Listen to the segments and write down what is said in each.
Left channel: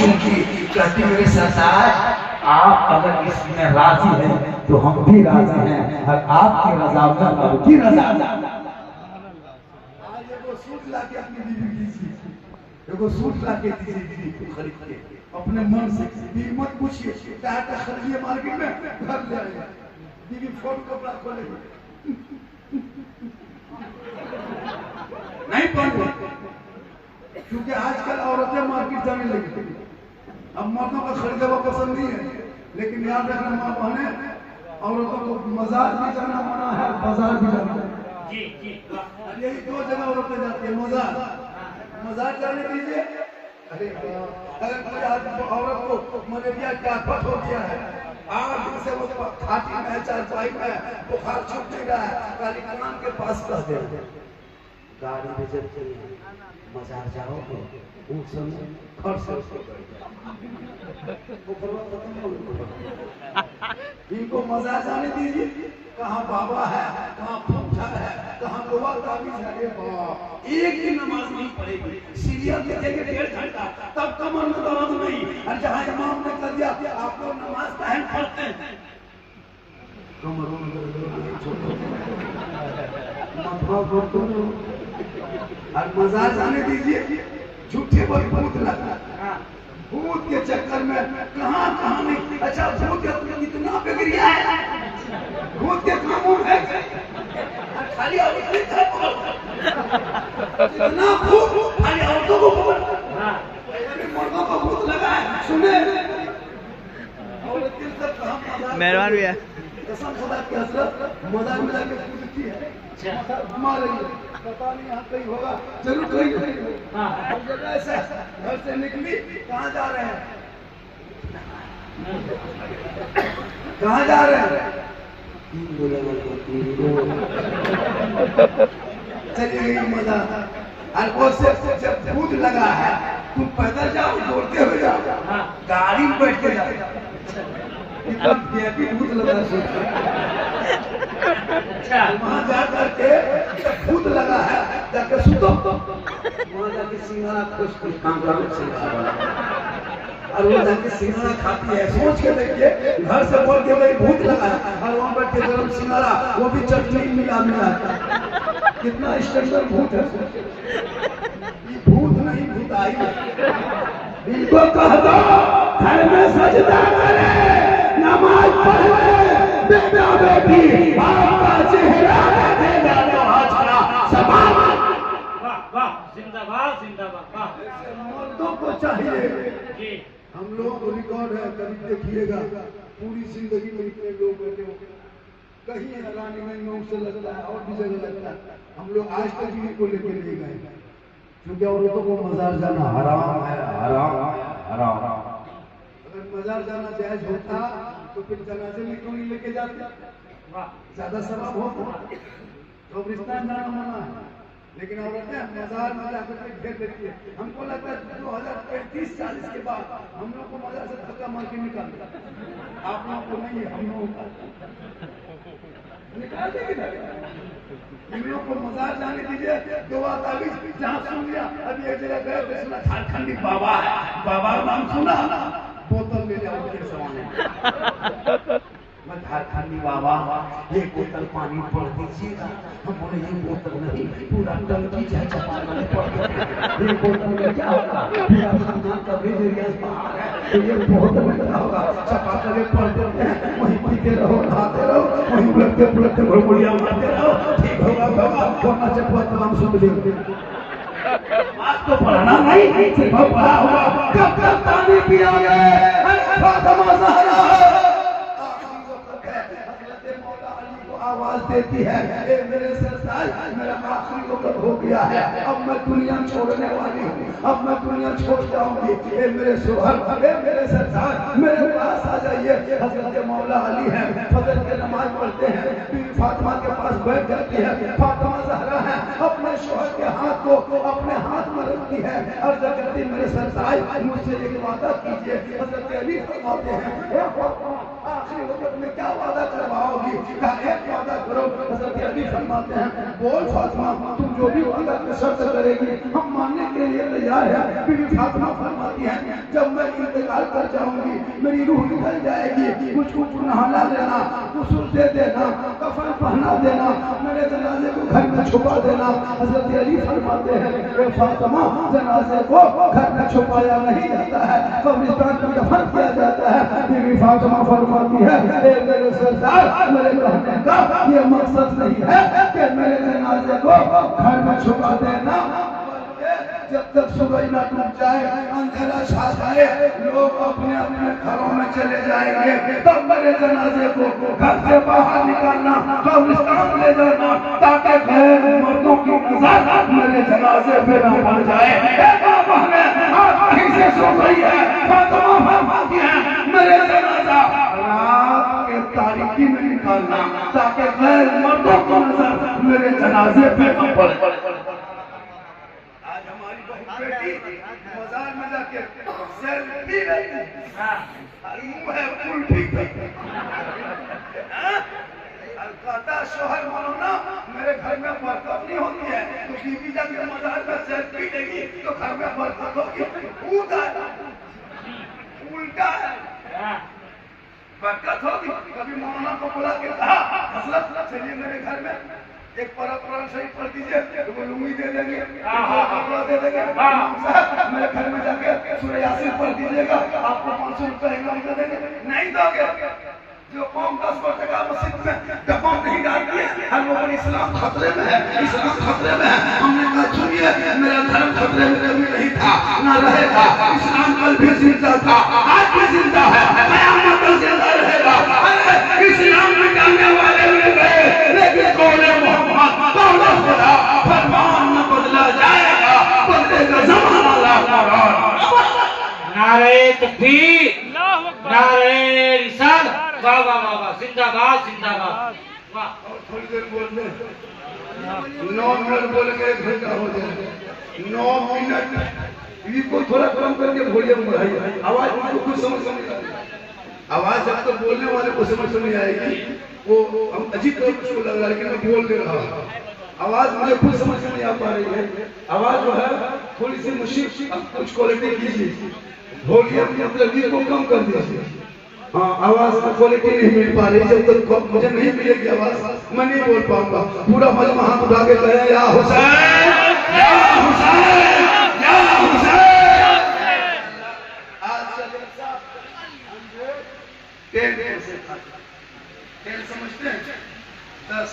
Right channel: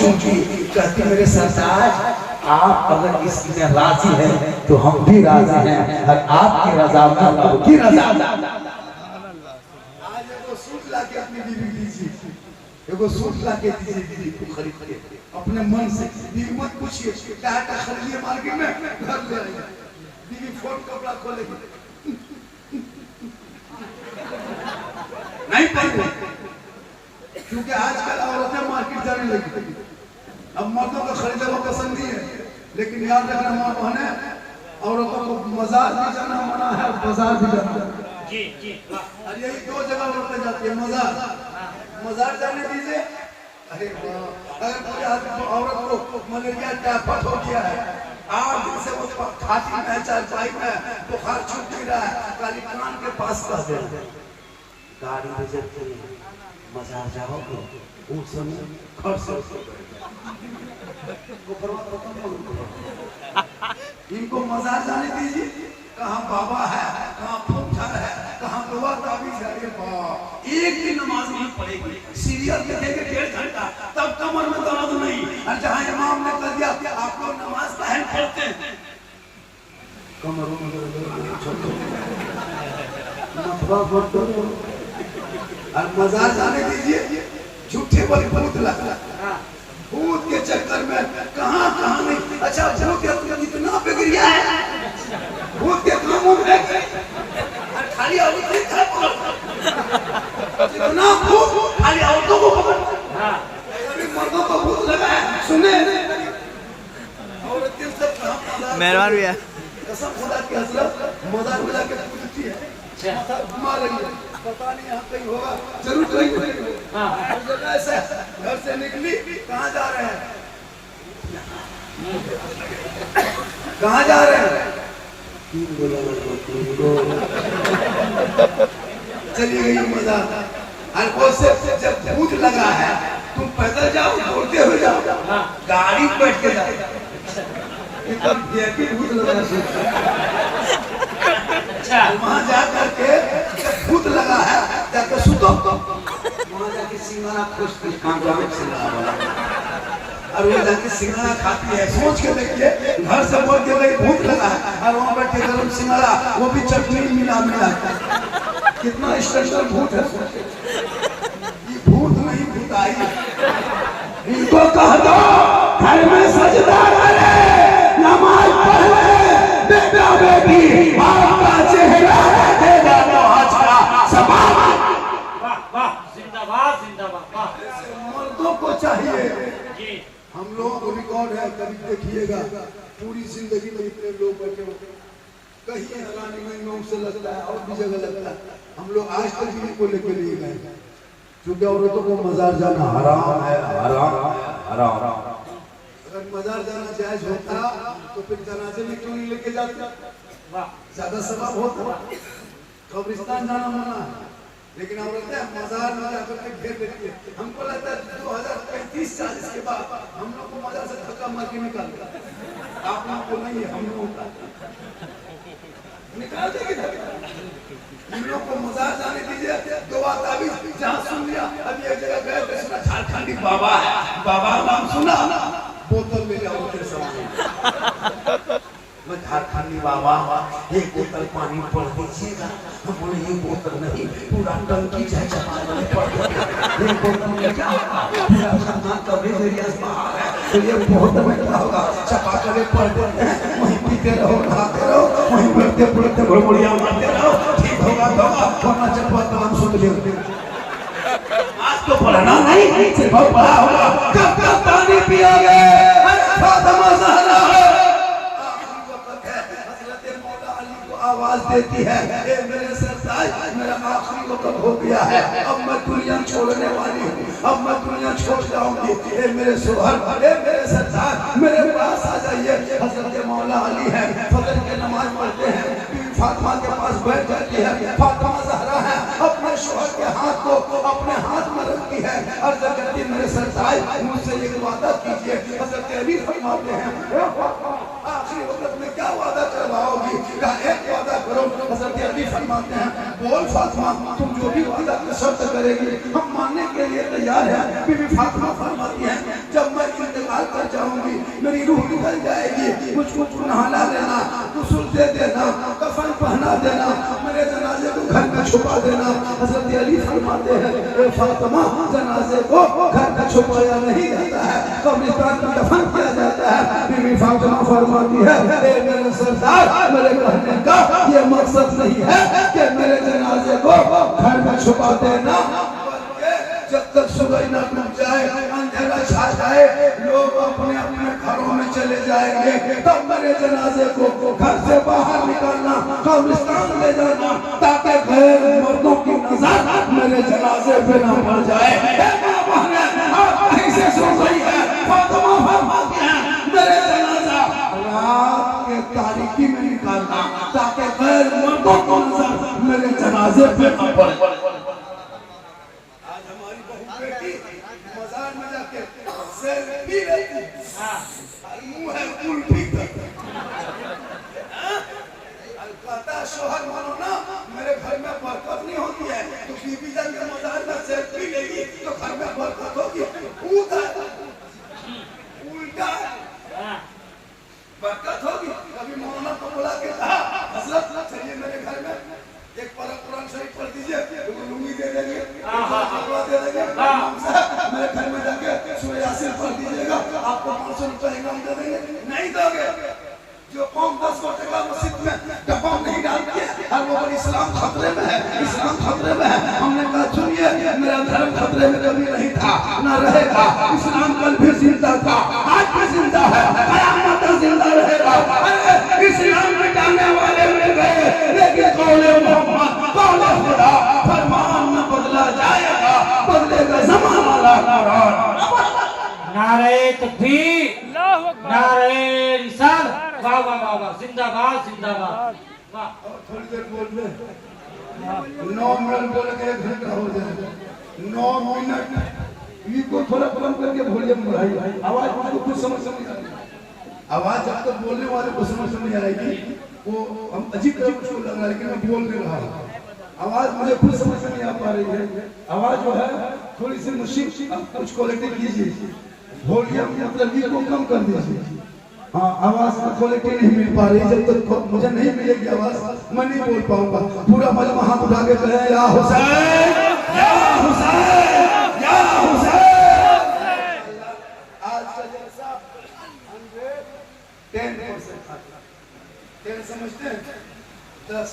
चूंकि कहती मेरे सरताज आप अगर इसमें राजी हैं तो हम भी राजी हैं और आपकी रजा में रब की रजा। आज एगो सूट लाके अपनी बीवी दीजिए, एगो सूट लाके दीजिए बीवी को खरीद के अपने मन से। बीवी मत पूछिए क्या खरीदिए मार्केट में, घर ले आइए। बीवी फोन कपड़ा खोलेगी नहीं पहने, क्योंकि आजकल औरतें मार्केट जाने लगी। अब मर्दों का खरीदा हुआ पसंद नहीं है, लेकिन याद रखना माँ बहने, औरतों को मजार भी जाना मना है, बाजार भी जाना है। जी जी और यही दो जगह औरतें जाती है, मजार जाने दीजिए। अरे अगर कोई आदमी औरत को मलेरिया टाइफाइड हो गया है, आज दिन से वो खाती में चाय में बुखार छूट नहीं रहा है, खाली कान के पास कर दे। गाड़ी में जब मजार जाओगे उस समय घर से इनको मजार जाने दीजिए। कहाँ बाबा है, कहाँ फौजदार है, कहाँ गोवा ताबीज है। एक दिन नमाज नहीं पढ़ेगी, सीरियल देखेंगे 1.5 घंटा, तब कमर में दर्द नहीं। और जहाँ इमाम ने कर दिया आप लोग नमाज काहे पढ़ते हैं, कमरों में और मजार जाने दीजिए। झूठे बोल भूत लगा, भूत के चक्कर में कहाँ कहाँ नहीं। अच्छा भूत इतना बिगड़िया है, भूत के कामों में खाली इतना भूत खाली औरतों को मर्दों को भूत लगा है। सुने औरतें सब कहाँ मेहरबान भैया कसम खुदा की हजरत मजार में जाके पूछती है, मारेंगे पता नहीं यहाँ कहीं होगा, जरूर कहीं होगा। हर जगह से घर से निकली, कहाँ जा रहे हैं, कहाँ जा रहे हैं, चलिए गई मजा। और से जब भूत लगा है, तुम पैदल जाओ दौड़ते हुए जाओ, गाड़ी बैठ के जाओ, भूत लगा। वहाँ जा करके भूत लगा है, जाके सुतो, वहाँ जाके सिंघाड़ा खुश काम वाला और वो जाके सिंघाड़ा खाती है। सोच के देखिए, घर से बोल के भाई भूत लगा है और वहाँ बैठ के गरम सिंघाड़ा, वो भी चटनी मिला कितना स्टैंडर्ड भूत है। भूत नहीं भूताई। इनको कह दो घर में सजदा करे, नमाज पढ़े, बेटा बेटी आपका चेहरा देगा जिंदाबाद जिंदाबाद वाह। मर्दों को चाहिए। जी हम लोग को रिकॉर्ड है, कभी देखिएगा पूरी जिंदगी में इतने लोग बैठे हो, कहीं रानीगंज में उसे लगता है और भी जगह लगता है, हम लोग आज तक भी इनको लेके नहीं गए, क्योंकि औरतों को मजार जाना हराम है, हराम हराम। अगर मजार जाना जायज होता तो फिर जनाजे में क्यों नहीं लेके जाते, ज्यादा सवाब होता। कब्रिस्तान जाना मना है, लेकिन औरतें मजार में जाकर के घेर लेती है। हमको लगता है 2035-40 के बाद हम लोग को मजार से धक्का मार के निकाल देगा। आप लोगों को नहीं है, हम लोगों को निकाल देगी धक्का। हम लोग को मजार जाने दीजिए। दुआ ताबीज जहाँ सुन लिया, अभी एक जगह गए तो सुना झारखंडी बाबा है, बाबा नाम सुना, बोतल ले जाओ उनके सामने, मैं झारखंडी बाबा ये बोतल पानी पड़ दीजिएगा। हम बोले ये बोतल नहीं, पूरा टंकी चाहे चपाने पड़ ये बोतल में क्या होगा, पूरा खाना कवरेज एरिया बाहर है, तो ये बोतल में क्या होगा, चपा करे पड़ देते हैं, वहीं पीते रहो, खाते रहो, वहीं बढ़ते बढ़ते बड़बड़िया मारते रहो, ठीक होगा तो आपको ना चपा तमाम सुन लियो। आज तो पढ़ना नहीं, सिर्फ पढ़ा होगा, कब तक पानी पियोगे, फातिमा ज़हरा आवाज देती है, ए मेरे सरताज मेरा आखिरी वक्त हो गया है, अब मैं दुनिया छोड़ने वाली हूँ, अब मैं दुनिया छोड़ जाऊंगी। ए मेरे सोहर, ए मेरे सरताज मेरे पास आ जाइए। हजरत मौला अली है, फजर के नमाज पढ़ते हैं, फातिमा के पास बैठ जाती है, फातिमा ज़हरा है, अपने शोहर के हाथ को अपने हाथ में रखती है, अर्ज़ करती मेरे सरताज मुझसे एक वादा कीजिए। हजरत अली फरमाते हैं आखिरी वक्त में क्या वादा करवाओगी, एक वादा करो। हजरत अली फरमाते हैं बोल फातिमा तुम जो भी वादा शर्त करेगी हम मानने के लिए तैयार है। बीबी फातिमा फरमाती है जब मैं मेरी रूह निकल जाएगी, मुझको नहाना देना, गुस्ल दे देना, कफन पहना देना, मेरे जनाजे को घर में छुपा देना। हजरत अली फरमाते हैं, ए फातिमा, जनाजे को घर में छुपाया नहीं जाता है, कब्रिस्तान में दफन किया जाता है। बीवी फातिमा फरमाती है, ए मेरे सरदार, मेरे कहने का ये मकसद नहीं है कि मेरे जनाजे को घर में छुपा देना, जब तक सुबह न डूब जाए, अंधेरा छा जाए, लोग अपने अपने घरों में चले जाएंगे, तब मेरे जनाजे को घर से बाहर निकालना, कब्रिस्तान ले जाना, ताकि गैर मर्दों की नजर मेरे जनाजे पे न पड़ जाए। आप कहीं से सुन रही है, फातिमा फरमाती है, मेरे जनाजा रात के तारीकी में निकालना, ताकि गैर मर्दों की नजर मेरे जनाजे पे न पड़े। बेटी मजार में जाके सेल्फी लेती, मुंह है उल्टी कहता शोहर मानो ना, मेरे घर में बरकत नहीं होती है, तो बीबी जाके मजार में सेल्फी लेगी तो घर में बरकत होगी। उल्टा बरकत होगी। कभी मौलाना को बुला के कहा, हजरत चलिए मेरे घर में एक कुरान शरीफ पढ़ दीजिए, तो लुंगी दे देंगे, कपड़ा दे देंगे। मेरे घर में जाके सूरह यासीन पढ़ दीजिएगा, आपको 500 रुपए इनाम दे देंगे। नहीं दोगे, जो कौम 10 वर्ष का मस्जिद में डब्बा नहीं डालती है, हर लोग इस्लाम खतरे में है, इस्लाम खतरे में है। हमने कहा सुनिए, मेरा धर्म खतरे में कभी नहीं था, ना रहेगा। इस्लाम कल भी जिंदा था, आज भी जिंदा है, क़यामत तक जिंदा रहेगा। अरे इस्लाम मिटाने वाले मिल गए, लेकिन कौले मोहम्मद, कौले खुदा, फरमान न बदला जाएगा, बदलेगा ज़माना ला नारे तकबीर, नारे रिसालत, वाह वाह वाह वाह, जिंदाबाद जिंदाबाद, वाह। थोड़ी देर बोल दे, 9 मिनट बोले के 1 घंटा हो जाए। 9 मिनट ये को थोड़ा कम करके वॉल्यूम बढ़ाइए, आवाज को कुछ समझ नहीं आएगी। आवाज जब तक बोलने वाले को समझ नहीं आएगी, वो हम अजीब तरह उसको लग रहा है कि मैं बोल नहीं रहा हूँ। आवाज मुझे खुद समझ नहीं आ पा रही है। आवाज जो है थोड़ी सी मुश्किल, कुछ क्वालिटी कीजिए, वॉल्यूम मतलब को कम कर दीजिए। हाँ, आवाज की क्वालिटी नहीं मिल पा रही। जब तक मुझे नहीं मिलेगी आवाज, मैं नहीं बोल पाऊंगा। पूरा मजमा हाथ उठा के कहे, या हुसैन, या हुसैन, या हुसैन। आज का जलसा 10 समझते हैं, 10।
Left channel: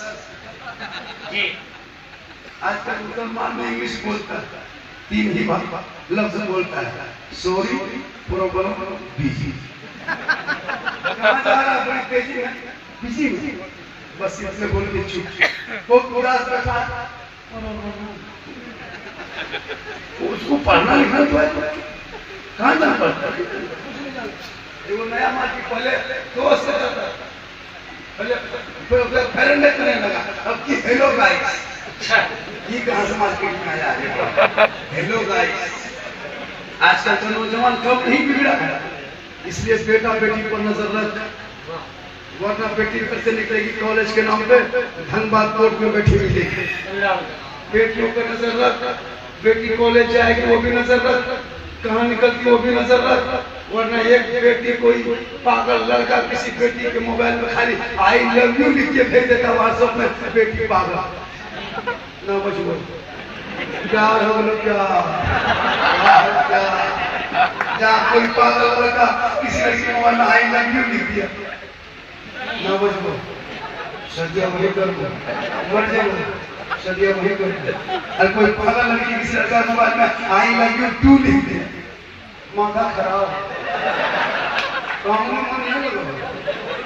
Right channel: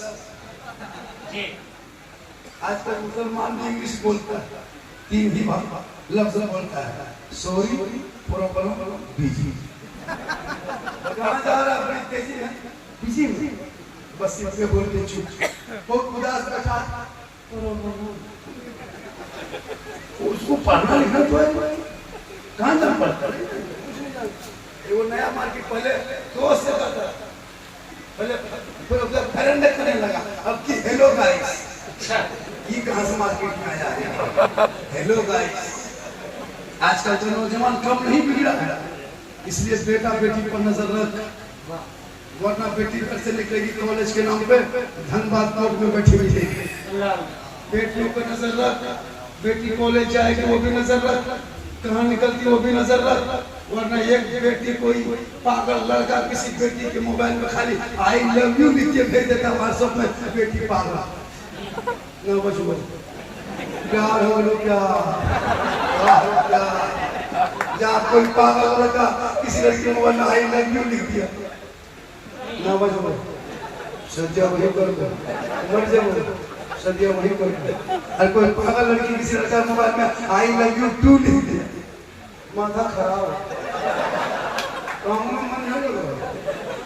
आजकल मुसलमान में इंग्लिश बोलता है, 3 ही लफ्ज बोलता है, सॉरी, प्रॉब्लम, बिजी। कहाँ जा रहा है? बड़ी तेजी है, बिजी में, बस इसमें बोल के चुप। वो उदास बैठा, उसको पढ़ना लिखना जो है, कहाँ तक पढ़ता है? वो नया मार्केट पहले दोस्त से जाता है, पहले फरेंडे करने लगा, अब की हेलो गाइस। अच्छा, ये कहाँ से मार्केट में आया है? Hello guys. आजकल तो नौजवान कम नहीं बिगड़ा है, इसलिए बेटा बेटी पर नजर रख, वरना बेटी घर से निकलेगी कॉलेज के नाम पे, धनबाद कोर्ट में बैठी मिलेगी। बेटियों पर नजर रख, बेटी कॉलेज जाएगी वो भी नजर रख, कहाँ निकलती वो भी नजर रख, वरना एक बेटी कोई पागल लड़का किसी बेटी के मोबाइल में खाली आई लव यू लिख के भेज देता व्हाट्सएप में, बेटी पागल ना बचो। प्यार हो लो क्या, जहाँ कोई पागल लड़का किसी लड़की के मोबाइल में आई लव यू लिख दिया, ना बचो। सद्या वही कर दो, मर जाओ, सद्या वही कर दो। और कोई पागल लड़की किसी लड़का मोबाइल में आई लव यू टू लिख दिया, माथा खराब।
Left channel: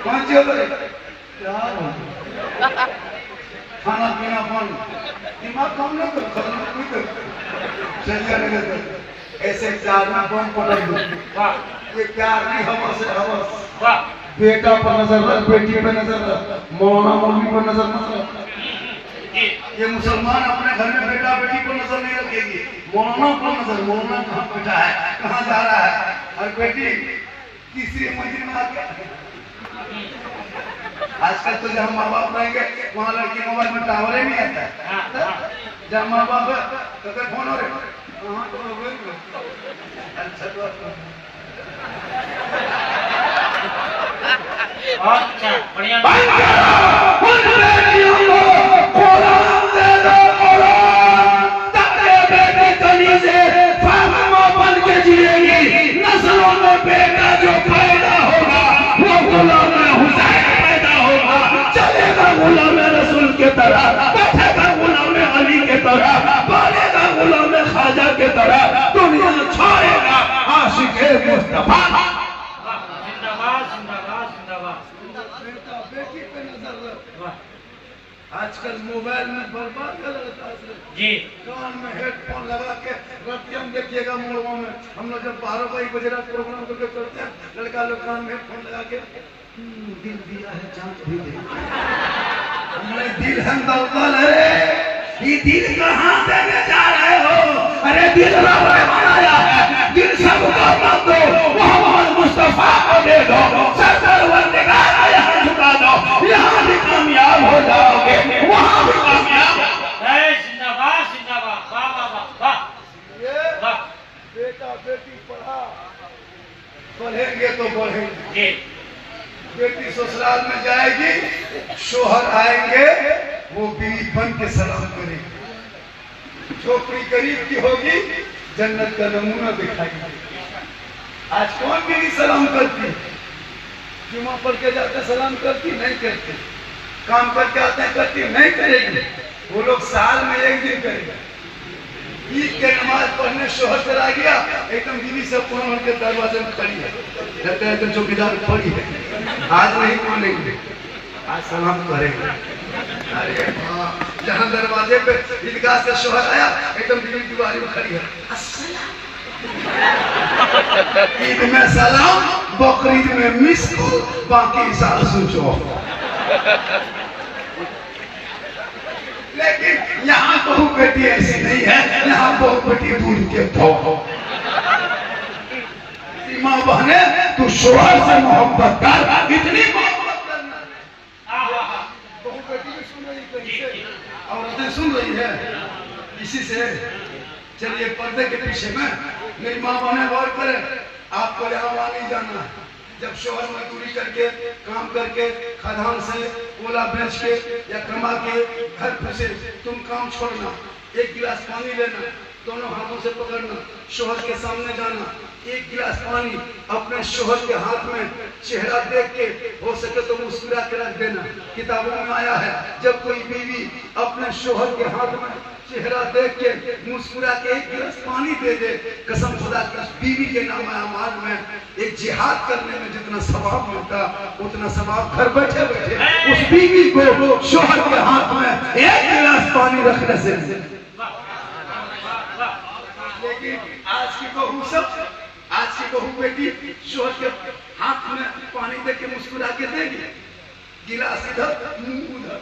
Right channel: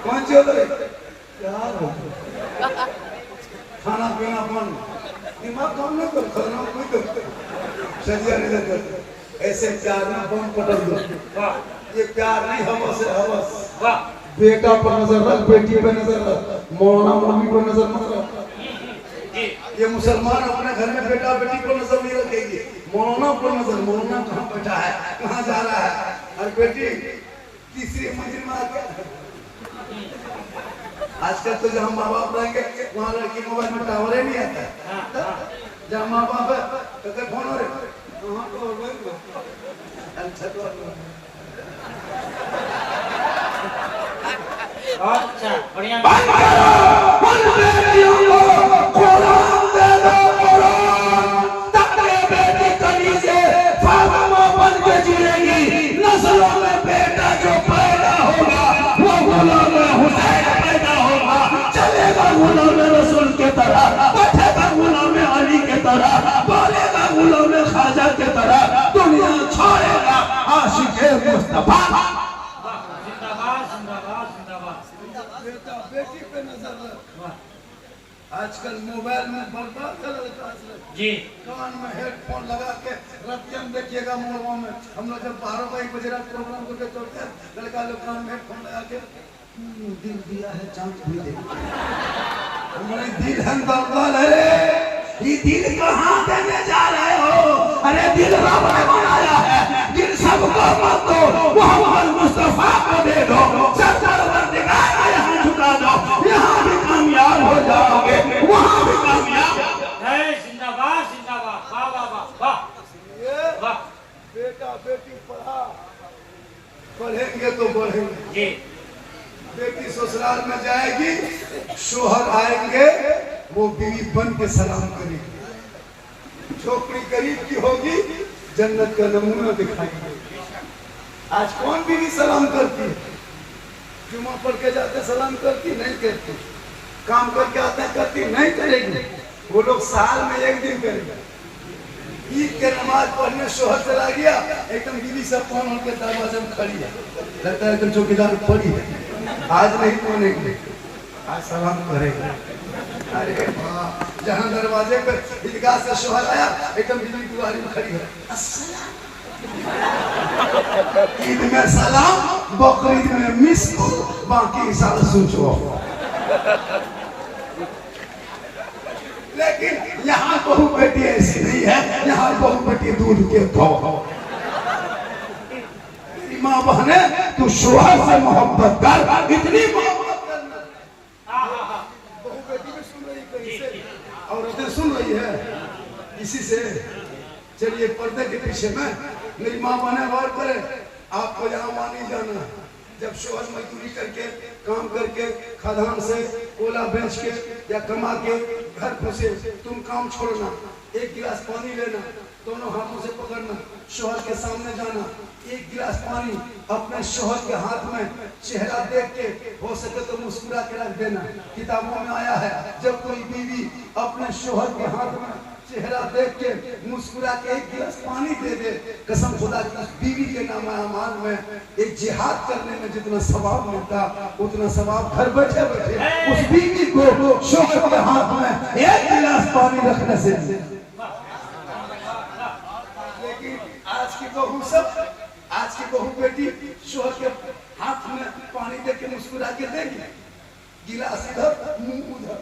कौन चल रहे? खाना पीना बंद, दिमाग काम नहीं कर, खाना नहीं कर, सरिया नहीं कर। ऐसे प्यार में बम पटक दो। ये प्यार की हवस है, हवस। बेटा पर नजर रख, बेटी पर नजर रख, मौलाना मौलवी पर नजर मत रख। ये मुसलमान अपने घर में बेटा बेटी पर नजर नहीं रखेगी, मौलाना पर नजर। मौलाना कहाँ बैठा है, कहाँ जा रहा है, और बेटी तीसरी मंजिल में आके। आजकल तो जहाँ माँ बाप रहेंगे वहाँ लड़की मोबाइल में टावर ही नहीं आता है। जहाँ माँ बाप है तो फोन हो रहे, अच्छा तो अच्छा बढ़िया। बंद करो उन बेटियों को कुरान दे दो, कुरान ताकि बेटी गली से फातिमा बन के जिएगी। नस्लों में बेटा जो पैदा होगा वो गुलाम हुसैन पैदा होगा, चलेगा गुलाम रसूल के तरह, बैठेगा गुलाम अली के तरह, बोलेगा गुलाम ख्वाजा के तरह, दुनिया छोड़ेगा आशिक मुस्तफा। जिंदाबाद जिंदाबाद जिंदाबाद। बेटा बेटी पे नजर रख। आजकल मोबाइल में बर्बाद कर देता है जी। कान में हेडफोन लगा के रतिया में देखिएगा मोड़ों में हम लोग जब 12 बजे रात प्रोग्राम करते हैं, लड़का लोग कान में हेडफोन लगा के दिल दिया है जान भी दे। हमारे दिल है दलदल है, ये दिल कहाँ देने जा रहे हो? अरे दिल रब ने बनाया है, दिल सबको मत दो, मोहम्मद मुस्तफा को दे दो, सरदार निगाह यहाँ झुका दो, यहाँ भी कामयाब हो जाओगे, वहाँ भी कामयाब। जिंदाबाद जिंदाबाद। वाह वाह वाह वाह वाह। बेटा बेटी पढ़ा, पढ़ेंगे तो बढ़ेंगे। जी। बेटी ससुराल में जाएगी, शोहर आएंगे, वो बीवी बन के सलाम करेगी। झोपड़ी गरीब की होगी, जन्नत का नमूना दिखाएंगे। आज कौन बीवी सलाम करती? जुमा पढ़ के जाते सलाम करती? नहीं करती। काम करके आते हैं करती? नहीं करेगी। वो लोग साल में एक दिन करेंगे। ईद के नमाज पढ़ने शोहर चला गया, एकदम बीवी सब पहन के दरवाजे में खड़ी है, लगता है तो चौकीदार पड़ी है, आज नहीं मानेंगे, आज सलाम करेंगे। अरे जहाँ दरवाजे पे ईदगाह से शोहर आया, एकदम बीवी दीवार में खड़ी है, ईद में सलाम, बकरीद में मिस कॉल, बाकी साल सोचो। लेकिन यहाँ बहू बेटी ऐसी नहीं है, यहाँ बहू बेटी दूध के धो। माँ बहने तू शोहर से मोहब्बत कर, इतनी मोहब्बत करना। बहू बेटी भी सुन रही कहीं से, औरतें सुन रही है इसी से। चलिए पर्दे के पीछे में मेरी माँ बहने गौर करें, आपको यहाँ वहाँ नहीं जाना है। जब शोहर मजदूरी करके काम करके खदान से कोला बेच के या कमा के घर घुसे, तुम काम छोड़ना, एक गिलास पानी लेना, दोनों हाथों से पकड़ना, शोहर के सामने जाना, एक गिलास पानी अपने शोहर के हाथ में, चेहरा देख के हो सके तो मुस्कुरा के रख देना। किताबों में आया है, जब कोई बीवी अपने शोहर के हाथ में चेहरा देख के मुस्कुरा के एक गिलास पानी दे दे, कसम खुदा की उस बीवी के नाम अमाल में एक जिहाद करने में जितना सवाब मिलता, उतना सवाब घर बैठे बैठे उस बीवी को शोहर के हाथ में एक गिलास पानी रखने से। लेकिन आज की बहू सब, आज की बहू बेटी शोहर के हाथ में पानी दे के मुस्कुरा के देगी, गिलास इधर मुंह उधर।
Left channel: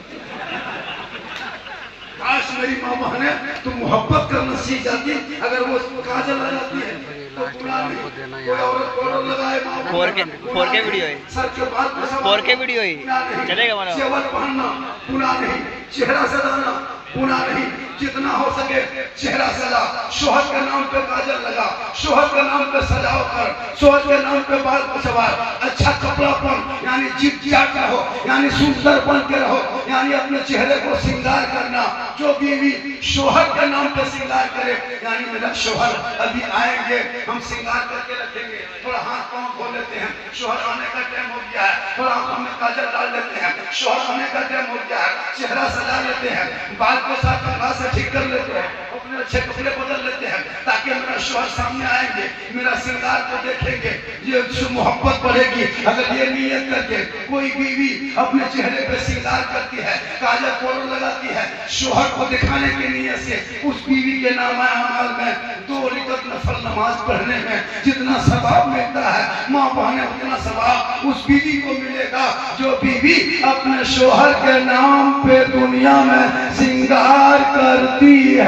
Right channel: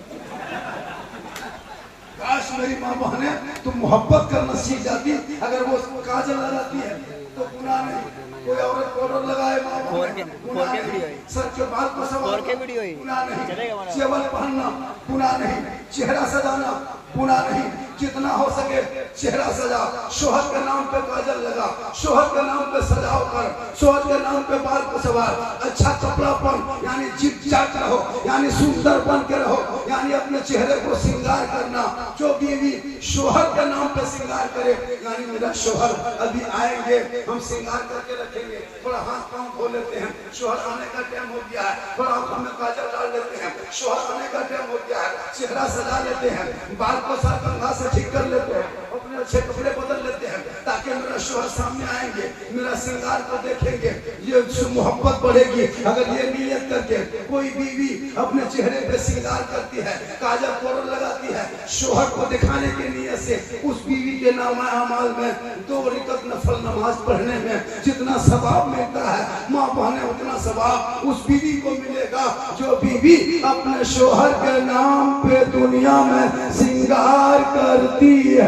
काश मेरी माँ बहने तुम मोहब्बत करना सीख जाती, अगर वो काजल लगाती है तो गुनाह नहीं, कोई औरत पाउडर लगाए माँ बहने, 4K वीडियो है, सर के बाल को संवारना 4K वीडियो है, चलेगा मानो, चेवल पहनना गुनाह नहीं, चेहरा सजाना गुनाह नहीं, जितना हो सके चेहरा सजा, शोहर के नाम पे काजल लगा, शोहर के नाम पे सजाओ कर, शोहर के नाम पे बाल को सवार, अच्छा कपड़ा पहन, यानी जिप जाट रहो, यानी सुंदर बन के रहो, यानी अपने चेहरे को श्रृंगार करना। जो बीवी शोहर के नाम पे श्रृंगार करे, यानी मेरा शोहर अभी आएंगे, हम श्रृंगार करके रखेंगे, थोड़ा हाथ पांव खोल लेते हैं, शोहर आने का टाइम हो गया है, थोड़ा आंखों में काजल डाल लेते हैं, शोहर आने का टाइम हो गया है, चेहरा सजा लेते हैं, बाल को साफ कंघा से ठीक कर लेते हैं, अपने अच्छे कपड़े बदल लेते हैं, ताकि मेरा शोहर सामने आएंगे, मेरा श्रृंगार को देखेंगे, ये मोहब्बत बढ़ेगी। अगर ये नियत करके कोई बीवी अपने चेहरे पे श्रृंगार करती है, काजल पाउडर लगाती है, शोहर को दिखाने के नियत से, उस बीवी के नाम अमाल में 2 रकात नफल नमाज पढ़ने में जितना सवाब मिलता है, माँ बहने उतना सवाब उस बीवी को मिलेगा जो बीवी अपने शोहर के नाम पे दुनिया में श्रृंगार करती है।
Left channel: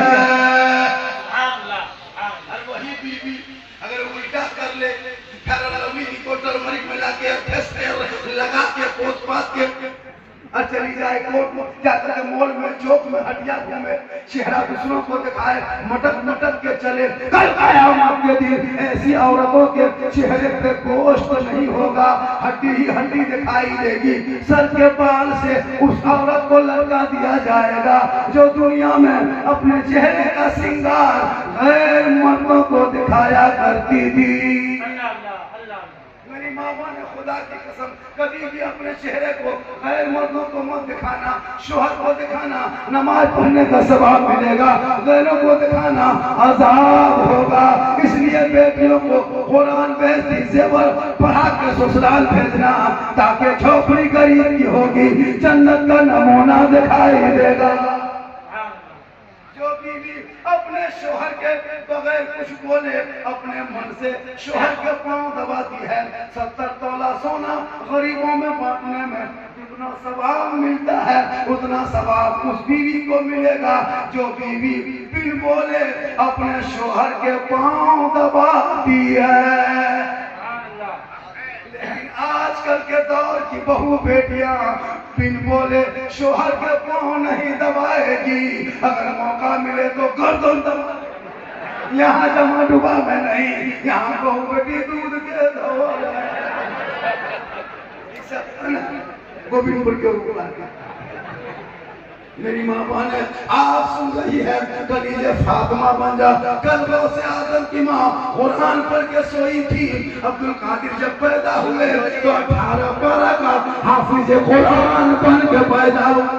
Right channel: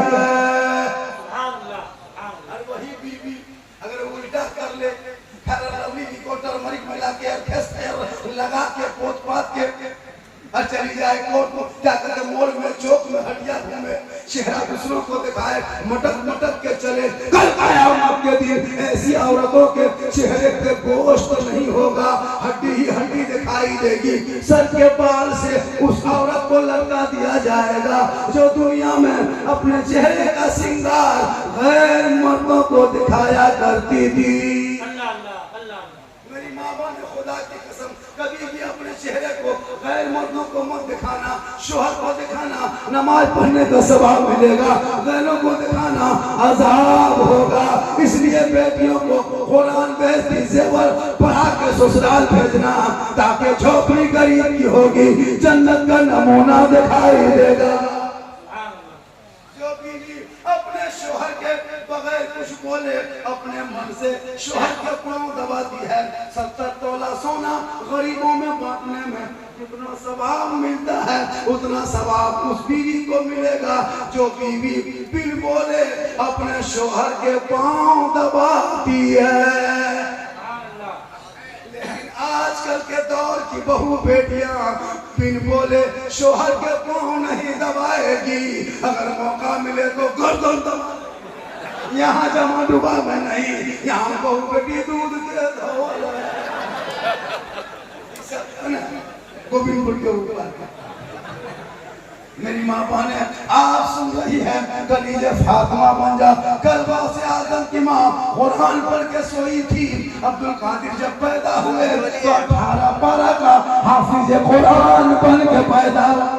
और वही बीवी अगर उल्टा कर ले, टर्मरिक मिला के लगा के पोत पात के और चली जाए कोर्ट में, जाकर के मॉल में चौक में हटिया घूमे, चेहरा दूसरों को दिखाए, मटक मटक के चले, कल आया आपके दिन ऐसी औरतों के चेहरे पे गोश्त नहीं होगा, हड्डी ही हड्डी दिखाई देगी। सर के बाल से उस औरत को लटका दिया जाएगा जो दुनिया में अपने चेहरे का श्रृंगार गैर मर्दों को दिखाया करती थी। मेरी मामा ने खुदा की कसम कभी भी अपने चेहरे को गैर मर्दों को मत दिखाना, शोहर को दिखाना नमाज पढ़ने का सवाब मिलेगा, गैरों को दिखाना अजाब होगा। इसलिए बेटियों को कुरान बेहती जेवर पढ़ा के ससुराल भेजना, ताकि झोपड़ी गरीब की होगी जन्नत का नमूना दिखाई देगा। जो बीवी अपने शोहर के बगैर कुछ बोले अपने मन से शोहर के पांव दबाती है, 70 तोला सोना गरीबों में बांटने में जितना सवाब मिलता है उतना सवाब उस बीवी को मिलेगा जो बीवी बिन बोले अपने शोहर के पांव दबाती है। लेकिन आजकल के दौर की बहू बेटियां बिन बोले शोहर के पांव नहीं दबाएगी, अगर मौका मिले तो गर्दन दबा। यहाँ जमा डुबा में नहीं, यहाँ बहू बेटी दूध के धोल गोविंदपुर के ऊपर। मेरी माँ बहन आप सुन रही है, कलीजे फातिमा बन जा। कल से आदम की माँ कुरान पढ़ के सोई थी। अब्दुल कादिर जब पैदा हुए तो 18 पारा का हाफिज कुरान बन के पैदा हुआ।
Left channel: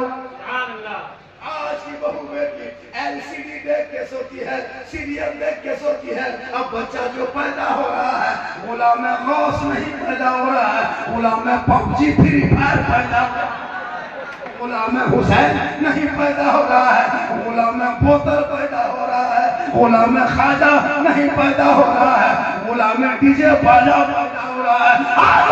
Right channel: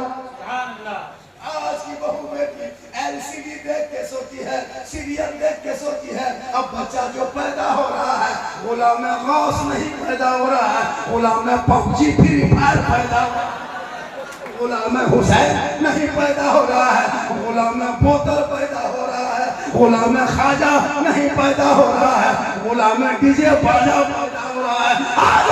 आज की बहू बेटी एलसीडी देख के सोती है, सीरियल देख के सोती है। अब बच्चा जो पैदा हो रहा है गुलाम गौस नहीं पैदा हो रहा है, गुलाम पबजी फ्री फायर पैदा हो रहा है, गुलाम हुसैन नहीं पैदा हो रहा है, गुलाम बोतल पैदा हो रहा है, गुलाम खाजा नहीं पैदा हो रहा है, गुलाम डीजे बाजा पैदा हो रहा है। आज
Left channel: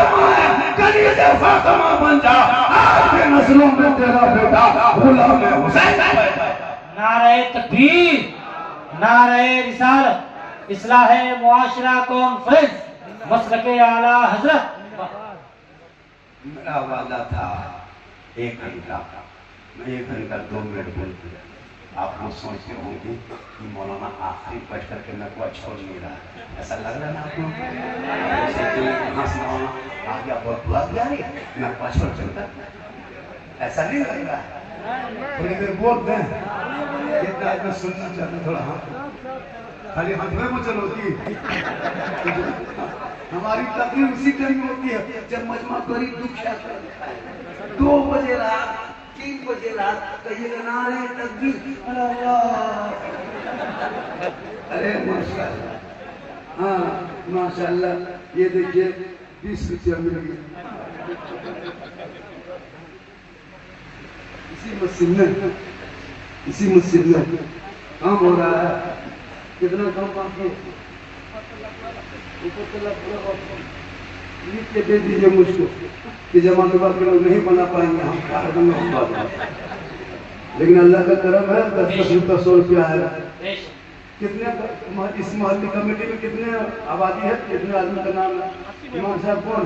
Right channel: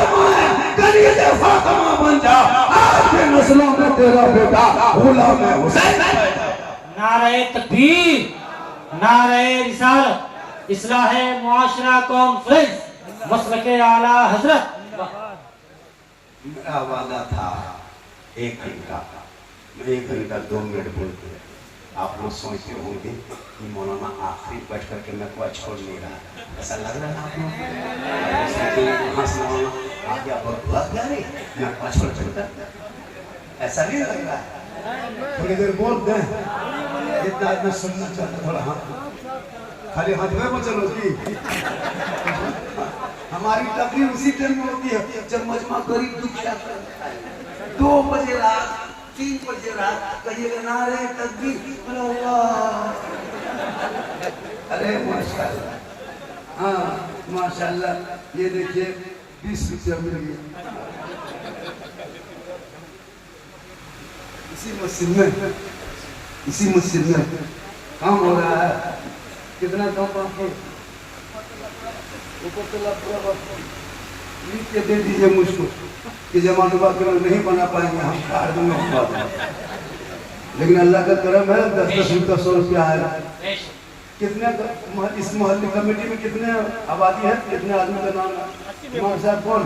कलीजे फातिमा बन जा, आज के नस्लों में तेरा बेटा गुलाम हुसैन पैदा। नारे तकबीर, नारे रिसालत, इस्लाहे मुआशरा कॉन्फ्रेंस, मसलके आला हजरत। मेरा वादा था 1 घंटा, मैं 1 घंटा 2 मिनट बोलते। आप लोग सोचते होंगे कि मौलाना आखिरी बैठ करके मैं कोई छोड़ नहीं रहा, ऐसा लग रहा है आपको? से मौलाना आ गया बहुत प्यारी, मैं कोई छोड़ चलता, ऐसा नहीं लग रहा है। थोड़ी देर बोल दें, इतना इतना सुनना चाहते, थोड़ा हाथ खाली हाथ में चलो जी। हमारी तकलीफ उसी टाइम होती है जब मजमा करीब दुख 2 बजे रात 3 बजे रात कहिएगा नारे तकबीर अल्लाह। अरे माशाल्लाह, हाँ माशाल्लाह। ये देखिए 20 रुपया मिल गया इसी मस्जिद में काम हो रहा है। कितना काम आपको ऊपर तला पूरा लिख के दे दीजिए मुझको कि जमात के लोग नहीं बना पाएंगे, हम कार्ड में। लेकिन अल्लाह का करम है, 10-10 रुपया 100 रुपया आएगा। कितने इस मोहल्ले कमेटी में कितने आबादी है, कितने आदमी का नाम है? इमाम साहब कौन?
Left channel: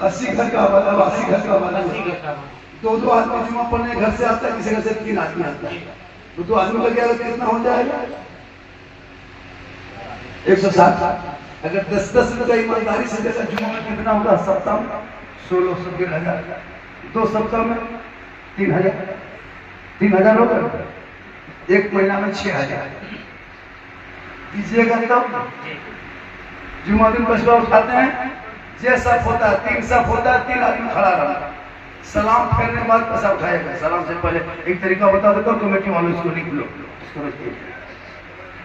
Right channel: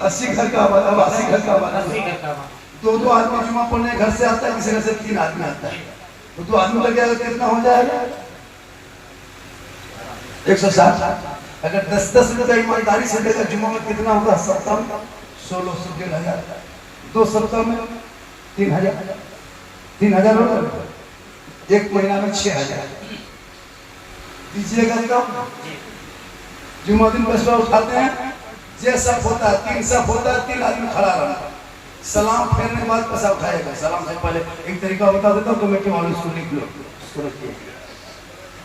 80 घर का आबाद, 80 घर का आबाद। 2-2 आदमी जुमा पढ़ने घर से आता है, किसी घर से 3 आदमी आता है, तो 2 आदमी लग जाएगा, कितना हो जाएगा? 160। अगर 10-10 रुपये ईमानदारी से देगा जुमा में कितना होगा? सप्ताह में 1600 2 सप्ताह में 3000 होगा। 1 महीना में 6000 दीजिएगा कब? जुमा दिन पैसा उठाते हैं, जैसा होता है 3 सफ होता है, 3 आदमी खड़ा रहा, सलाम फेरने के बाद पैसा उठाएगा। सलाम से पहले एक तरीका बता देता हूँ, कमेटी वालों इसको लिख लो।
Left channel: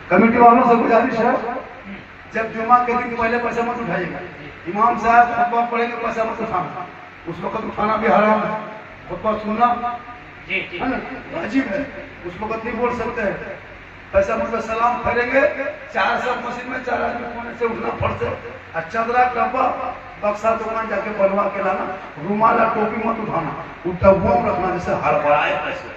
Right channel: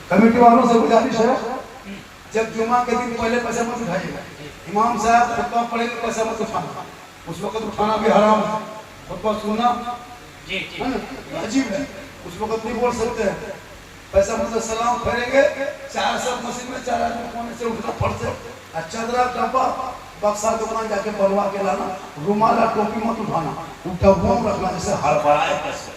कमेटी वालों से गुजारिश है, जब जुमा के दिन पहले पैसा मत उठाइएगा। इमाम साहब खुतबा पढ़ेंगे, पैसा मत उठाना, उस वक्त उठाना भी हराम है। खुतबा सुनना है ना, अजीब है, उस वक्त नहीं बोल सकते हैं। पैसा मतलब सलाम फेरेंगे, 4 सब मस्जिद में 4 आदमी कोने से उठना पड़ते, अच्छा डब्बा बक्सा दुकान जाके बनवा के लाना, रुमाल और टोपी मत उठाना, डब्बों में रखना, जैसे हड़बड़ाए पैसे।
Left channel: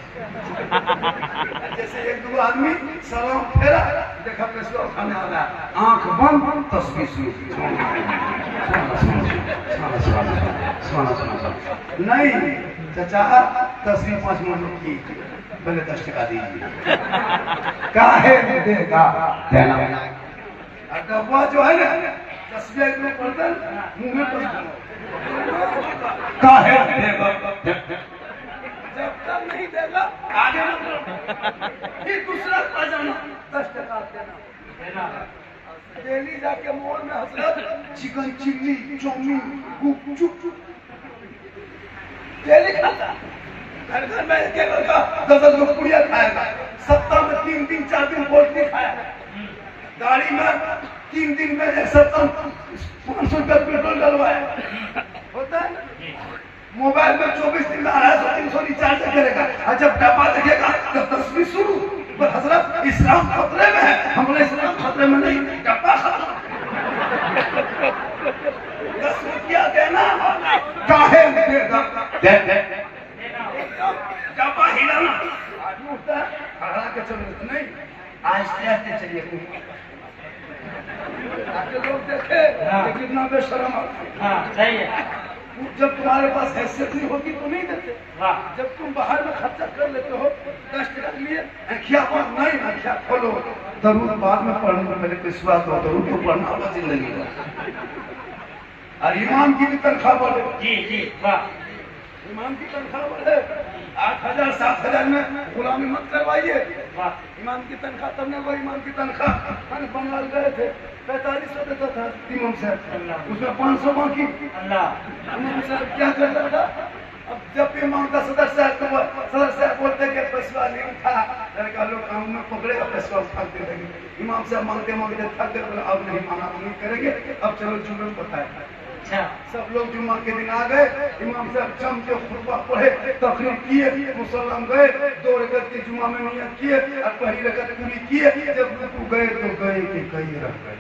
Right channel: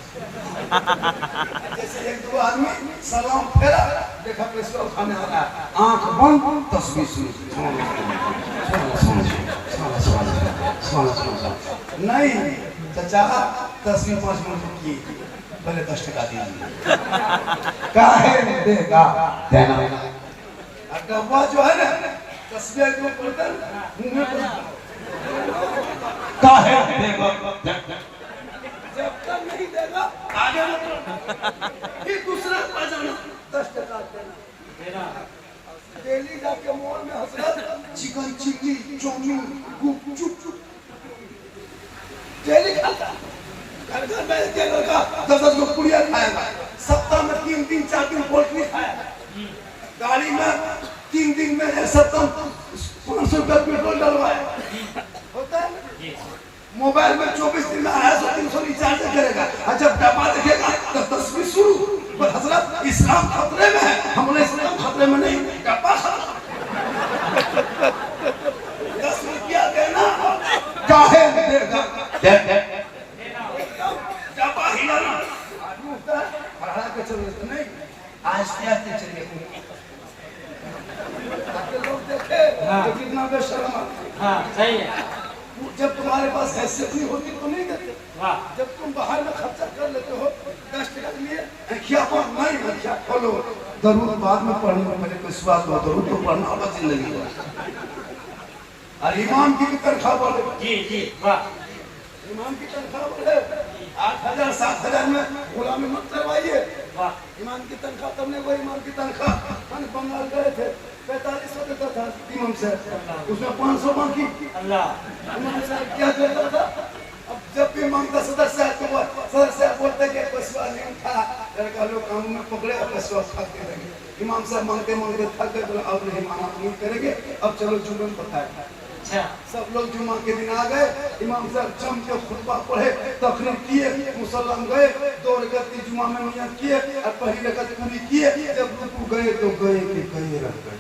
जैसे 1-2 आदमी सलाम फेरा, देखा पैसे उठाने वाला, आंख बंद, तस्वीर नहीं चाचा, तस्वीर 5 मिनट की, पहले 10 टका दीजिए। काहे देगा देना। डब्बा जो है ना SBI में पढ़ता है मुंह में पढ़ता काहे देगा जब तक नहीं देगा आगे मत फिर दूसरा बजाना 10 टका देना डेली जाके मॉल में हसरत चिकन चिल्ली चाउमीन गुपचुप डेली खाता घर घर में एक लड़का 10 को पुड़िया खाएगा सप्ताह में 3 दिन 4 दिन बोल के खाया गाड़ी में 3 दिन में एक सप्ताह 500 रुपया पेट्रोल डलवाया होता है ना मोबाइल में 24 दिन में 250-300 रिचार्ज करेगा और जब डब्बा देखेगा तो 10वीं शुरू पर हजरत इस्लाम खतरे में है हम बोले इस्लाम खतरे में नहीं डब्बा खत्म 10 रुपया देना काहे देगा डब्बा हिलाना आदमी उठता है खड़ा के चलो नहीं आहिस्ते आहिस्ते चलिए ताकि लोग देखे कि कितना बेशर्म हाँ सही है जब तुम्हारे पास हैसियत नहीं होती तो नहीं देते जब तुम बाहर में खर्चा कर लेते हो 10 टका के लिए आँखिया को नहीं आँखिया खोलो जरूर बाद में पढ़ने में मेरे को स्वाद हो जरूर तो पढ़ना होगा जिंदगी में और इमाम की भी तनख्वाह बढ़े जी वाह इमाम की तनख्वाह बढ़े 8,000-7,000 में गुलामी मत करवाइए इमाम की तनख्वाह तब नहीं वो इमाम की तनख्वाह मैंने बंगाल गए थे 4500 देता था इमाम साहब उसमें 500 बाकी इमाम साहब क्या करता था अब जब भी मांगता सदर साहब बोलते कि पैसा नहीं था लड़का लोग काम में पकड़े पैसा थक दे देंगे इमाम साहब मांगते मांगते थक गए बोला अब नहीं माना नहीं करेंगे अब चलो जुम्मन बताए सब लोग जुम्मा के दिन आ गए इमाम साहब जम के खुतबा पढ़े तकरीर किए मुसल्लम गए 2 रकअत की जुम्मा में नियत किए और पहली रकअत पूरी किए जब रुकू गए तो गए कि कहीं रह गए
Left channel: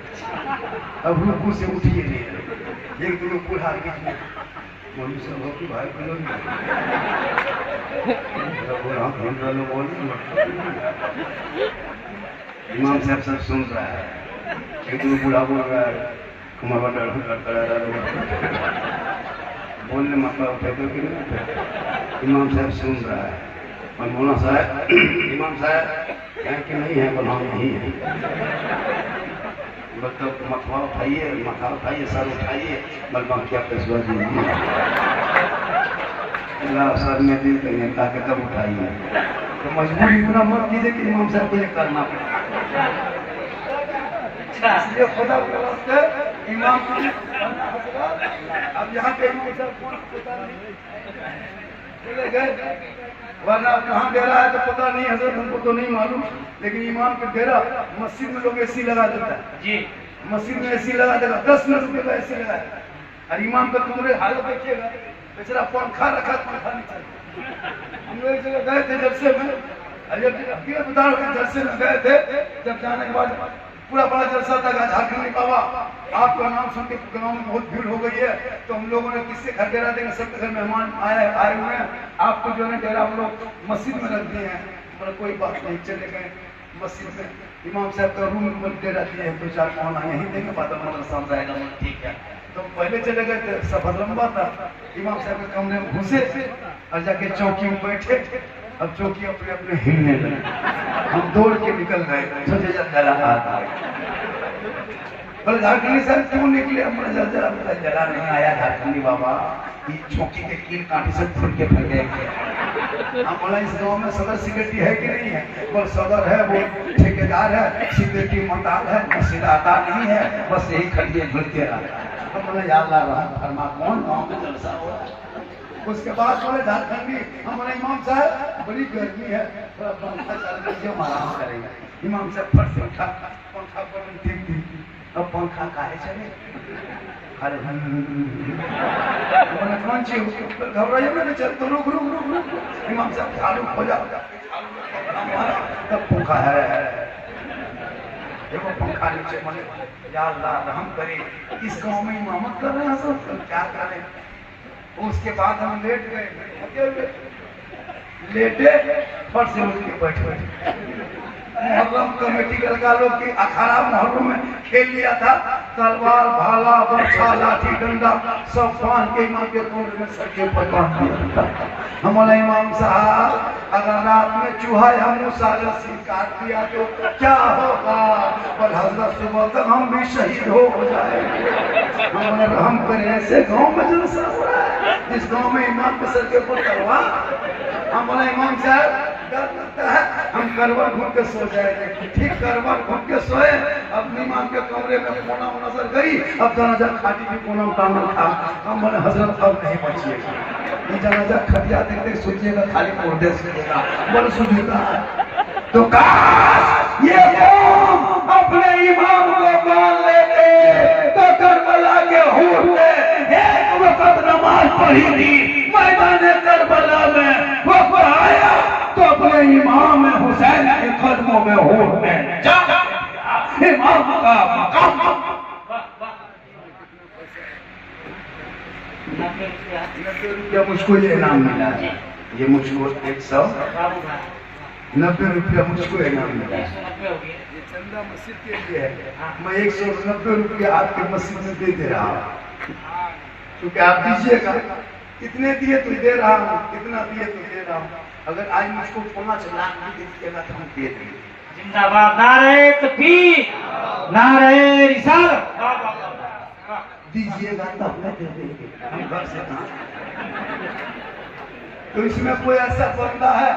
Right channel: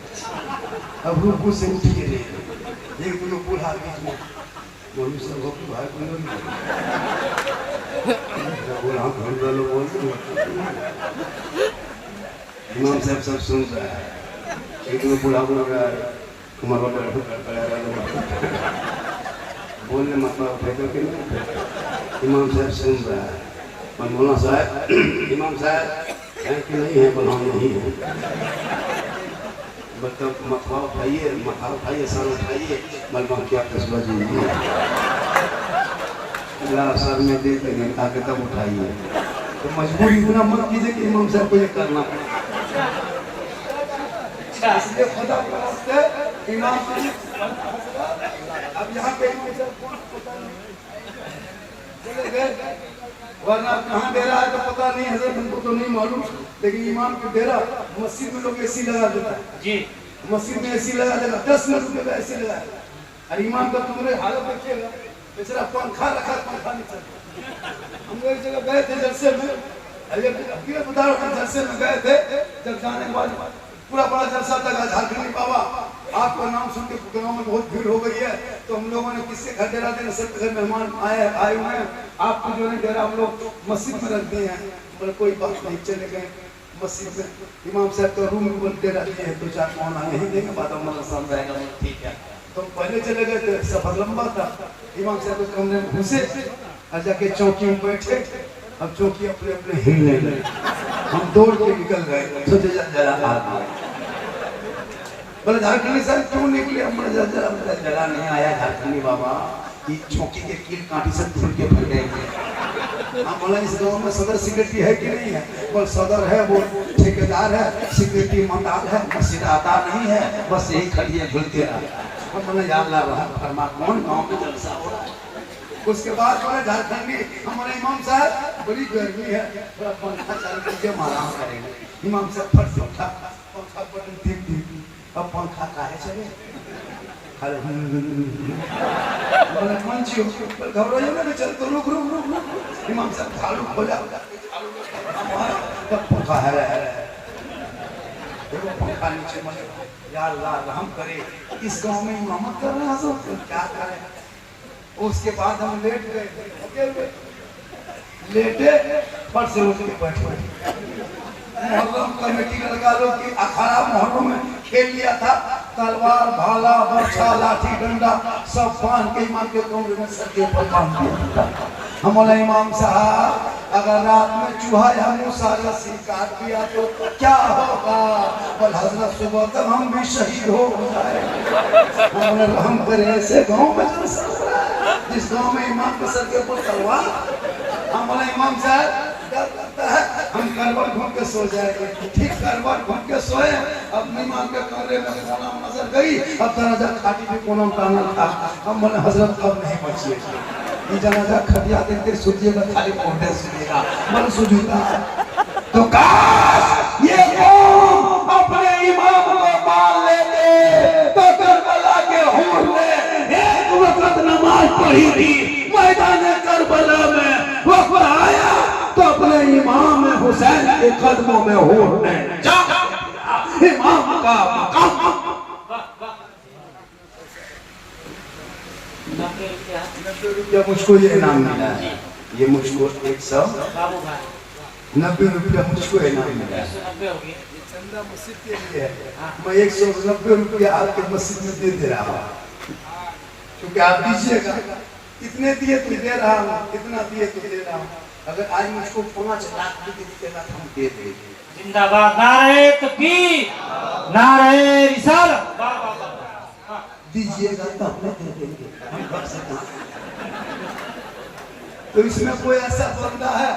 अब रुकू से उठिए नहीं एक दो बूढ़ा बीच में बोलू सब हो कि भाई बोलो बोला हम बोलो बोल इमाम साहब सब सुन रहा है एक दो बूढ़ा बोल रहा है बोलने मतलब उठे तो कि इमाम साहब सुन रहा है और मौलाना साहब इमाम साहब कहीं कि नहीं है बना नहीं है मतलब माथा उठाइए सर उठाइए मलबा क्या पैसा दीजिए अल्लाह सर में दिल करने कहा के तब उठाइए तो मजबूरी इतना मत कीजिए कि इमाम साहब को ये करना पड़े इसलिए खुदा के वास्ते इमाम अब यहाँ पे इमाम साहब कौन पता नहीं चले गए वरना कहाँ डेरा है तो पता नहीं हजरत हमको तो नहीं मालूम लेकिन इमाम के डेरा मस्जिद में लोग एसी लगा देता है जी मस्जिद में एसी लगा देगा 10 रुपये का एसी लगा और इमाम का तुम्हारे हालत देखिएगा बेचारा पंखा रखा पंखा नहीं चलता हम लोग एक जगह गए थे जलसे में जलसे में गए थे जब जाने के बाद पूरा बड़ा जलसा था झारखंडी बाबा आपका नाम सुन के गाँव में बहुत भीड़ हो गई है तो हम लोगों ने किससे घर डेरा देना सबके घर मेहमान आए हुए हैं आपको जो है डेरा हम लोग मस्जिद में रख दिए हैं पर कोई बात नहीं चले गए मस्जिद में इमाम साहब का रूम में डेरा दिए हैं 2-4 खाना यही देंगे बाद में मदरसा रहेगा ठीक है तो पहले चले गए थे सफर लंबा था इमाम साहब के कमरे में घुसे और जाके चौकी में बैठे अब चौकी अपने अपने हिलने लगे हम दौड़ के निकल गए सोचे जला बोले झारखंडी सर क्यों निकले हम जला नहीं आया झारखंडी बाबा कि चौकी के कील कांटी से फूल के फैल गए हम बोला इस गांव में सदर सेक्रेटरी है कि नहीं है बोल सदर है वो ठेकेदार है सेक्रेटरी मंडाल है मस्जिद आता नहीं है बस यही खड़िए झुलते रहा हम बोले या अल्लाह रहम फरमा कौन गांव में जलसा हो रहा है उसके बाद बोले झारखंडी हमारे इमाम साहब बड़ी गर्मी है थोड़ा पंखा चालू करके हम आराम करेंगे इमाम साहब फट से उठा पंखा बंद धीम धीम अब पंखा काहे चले अरे बोले कौन चीज घबराइए ना चल तो रुक इमाम साहब चालू हो जाओ तब पंखा है देखो पंखा नीचे मले या अल्लाह रहम करे इस गांव में इमामत कर रहे हैं सब क्या करें उसके बाद हम लेट गए लेटे फट से उठ के बैठे मुहर्रम कमेटी के लगा लोग की अखाड़ा मुहर्रम में खेल लिया था तलवार भाला बर्छा लाठी डंडा सब बांध के इमाम के कमरे में सके पर बांध दिया हमारा इमाम साहब अगर रात में चूहा या मूसा रस्सी काट दिया तो क्या होगा और हजरत सुबह तक हम भी शहीद हो जाएंगे हमने रहम करे ऐसे गांव में जलसा हो रहा है, जिस गांव में इमाम के सर के ऊपर तलवार। हम बोले इमाम साहब डर लगता है, हम करवट घूम के सो जाएंगे। ठीक करवट घूम के सोए, अब इमाम के कमरे में कोना नजर गई, अब जनाजा खाटी भी कोना टांगल था। हम बोले हजरत अब नहीं बचिएगा, ये जनाजा खटिया देखते सोचिएगा खाली कोडे सुनेगा, बोले सुनेगा तो काश ये कौम अपने इमाम को मान लेते तो करबला के हूर में एक वक्त नमाज पढ़ी थी मैदान करबला में, वक्त आया तो अपने इमाम हुसैन के कदमों में हूर में जा इमाम का मकाम। 90 रुपया मुझको ये इनाम मिला है, ये मुझको 190 रुपया मुझको इनाम मिला है। ये चंदा मस्जिद के लिए है, मैं 190 रुपया आपके मस्जिद में दे रहा हूँ, क्योंकि आप दीजिएगा। कितने दिए तो दे रहा हूँ, कितना दिए तो दे रहा हूँ। अगर आज मुझको 5 लाख भी दीजिएगा तो हम दे देंगे। जिंदाबाद, नारे तकबीर, नारे रिसालत। दीजिएगा तो हमें दे देंगे, हम घर से कहाँ। तो इसमें कोई ऐसा बंदा है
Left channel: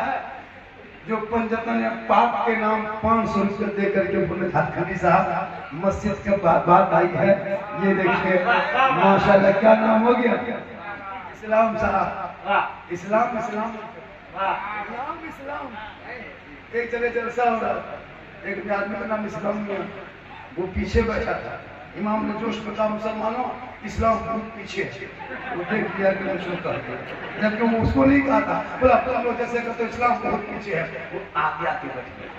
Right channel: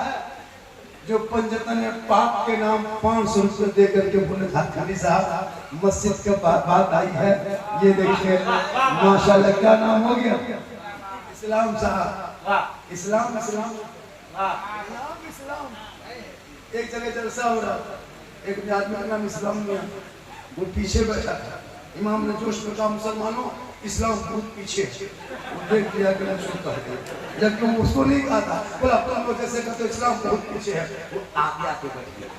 जो पंजतन पाप के नाम 500 रुपये दे करके बोले खानी साहब मस्जिद के बात आई है, ये देखिए माशाल्लाह। क्या नाम हो गया? इस्लाम साहब। इस्लाम इस्लाम इस्लाम इस्लाम। एक जगह जलसा हो रहा, एक आदमी का नाम इस्लाम मियां, वो पीछे बैठा था। इमाम ने जोश में कहा मुसलमानों इस्लाम बहुत पीछे, वो देख दिया कि मैं शो कर दिया, जबकि वो उसको नहीं कहा था। बोला तुम लोग जैसे कहते इस्लाम बहुत पीछे है, वो आगे आके बैठ गया।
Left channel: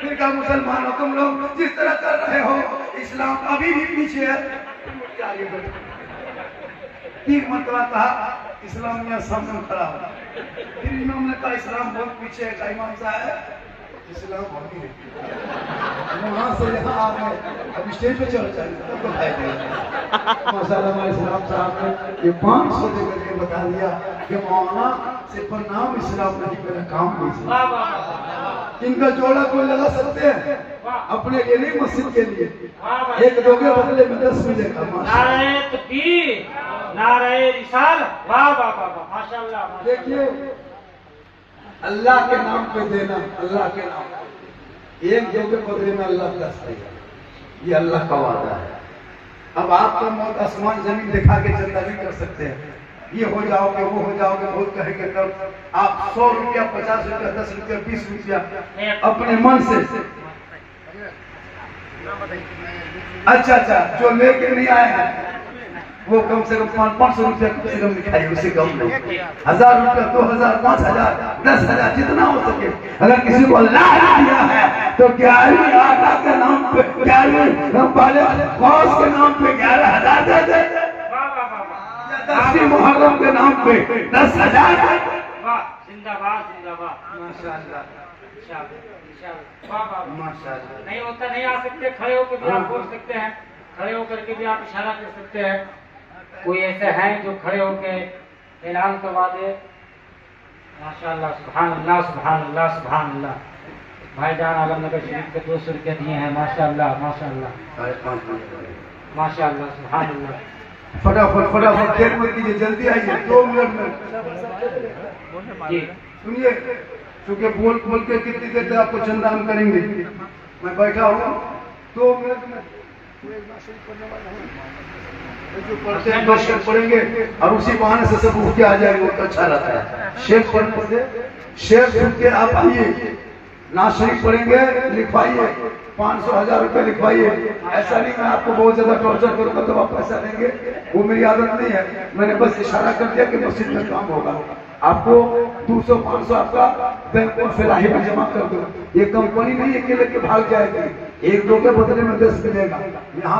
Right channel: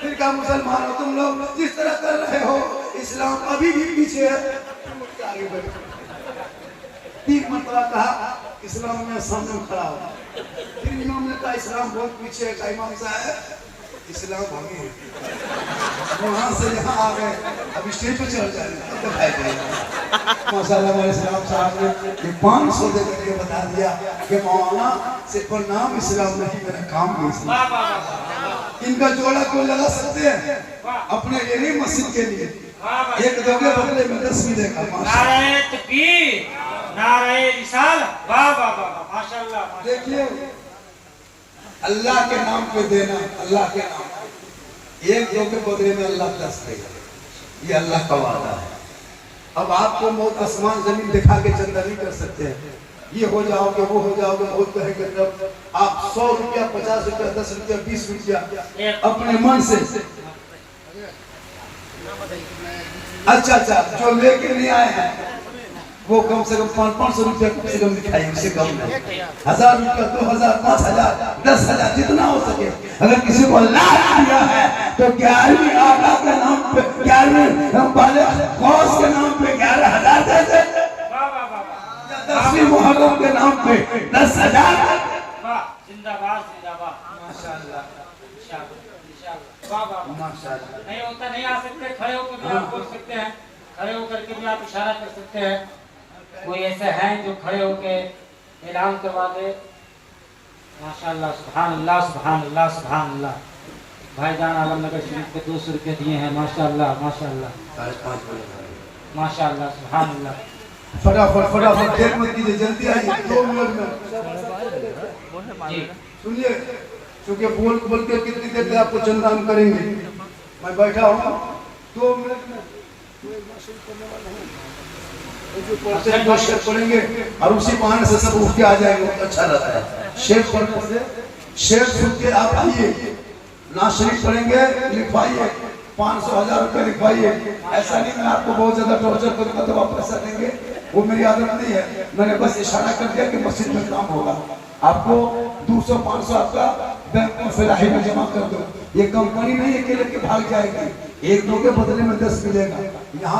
फिर कहा मुसलमानों तुम लोग जिस तरह कर रहे हो इस्लाम अभी भी पीछे है, तुम लोग क्या आगे बैठ गए। 3 मरतबा कहा, इस्लाम यहाँ सामने खड़ा हो। फिर इमाम ने कहा इस्लाम बहुत पीछे है। कहा इमाम साहब इस्लाम अभी वहाँ से यहाँ आ गए, अब स्टेज पे चल जाए तब दिखाई देगा। माशाल्लाह हमारे इस्लाम साहब ने ये 500 दे करके बता दिया कि मौलाना सिर्फ नाम इस्लाम नहीं, मेरा काम भी इस्लाम। इनका जोड़ा कोई लगा सकते हैं अपने लिए नहीं, मस्जिद के लिए। एक दोगे बदले में 10 मिलेगा। नारे तकबीर, नारे रिसालत। वाह वाह वाह, माशाल्लाह। देखिए अल्लाह के नाम पे देना, अल्लाह के नाम पे एक दो के बदले में अल्लाह 10 देगा, ये अल्लाह का वादा है। अब आपको मौत आसमान जमीन दिखा के चंदा नहीं कर सकते हैं, ये हो जाओगे वो हो जाओगे बहुत कहेंगे, तब आप 100 रुपया 50 रुपया 10 रुपया 20 रुपया अपने मन से अच्छा जो लेके नहीं आए हैं वो कम से कम 500 रुपया कम से कम दिखाइए, उससे कम नहीं। 1000 रुपया 2000 5000 10,000 जितना हो सके। अगर किसी को अल्लाह दिया है तो 11वीं आका के नाम पे 11वीं वाले गौस के नाम पे 11,000 दे दे, 10वीं मुहर्रम के नाम पे 10,000। जिंदाबाद जिंदाबाद, माशाल्लाह माशाल्लाह। नहीं होता नहीं आ सकते, खड़े होकर भी आप बोल सकते हैं, खड़े होकर के भी आप इशारा कर सकते हैं। कोई ऐसे हैं जो खड़े होकर ऐलान करवा दे। माशाल्लाह, सुभान अल्लाह सुभान अल्लाह सुभान अल्लाह। भाईजान आलमनगर शरीफ के 200 रुपये दिए हैं। माशाल्लाह माशाल्लाह माशाल्लाह, सुभान अल्लाह। फटाफट फटाफट देर मत कीजिए, जल्दी आइए, 2 मिनट में जी सुनिए, क्योंकि बोल बोल के कितनी देर तक आपको चंदा हम करेंगे। मैं बैठा हूँ 2 मिनट में जो पढ़ते हैं 2 शेर पढ़ेंगे और उसी बहाने से सब उठ के आ जाएंगे, बहुत अच्छा रहता है। शेर पढ़ने से शेर सुन के आप आइए, ना शरीफ पढ़ेंगे लिखवाइए, 500 1000 रुपये लिखवाइए। ऐसा नहीं मैं आपको बहुत ज्यादा टॉर्चर करूंगा तो आप पैसा देंगे, वो मेरी आदत नहीं है। मैंने बस इशारा कर दिया कि मस्जिद में काम होगा, आपको 200 500 आपका बैंक में फिराही में जमा कर दो। ये कंपनी नहीं है कि लेके भाग जाएगी, 1 2 के बदले में 10 मिलेगा। यहाँ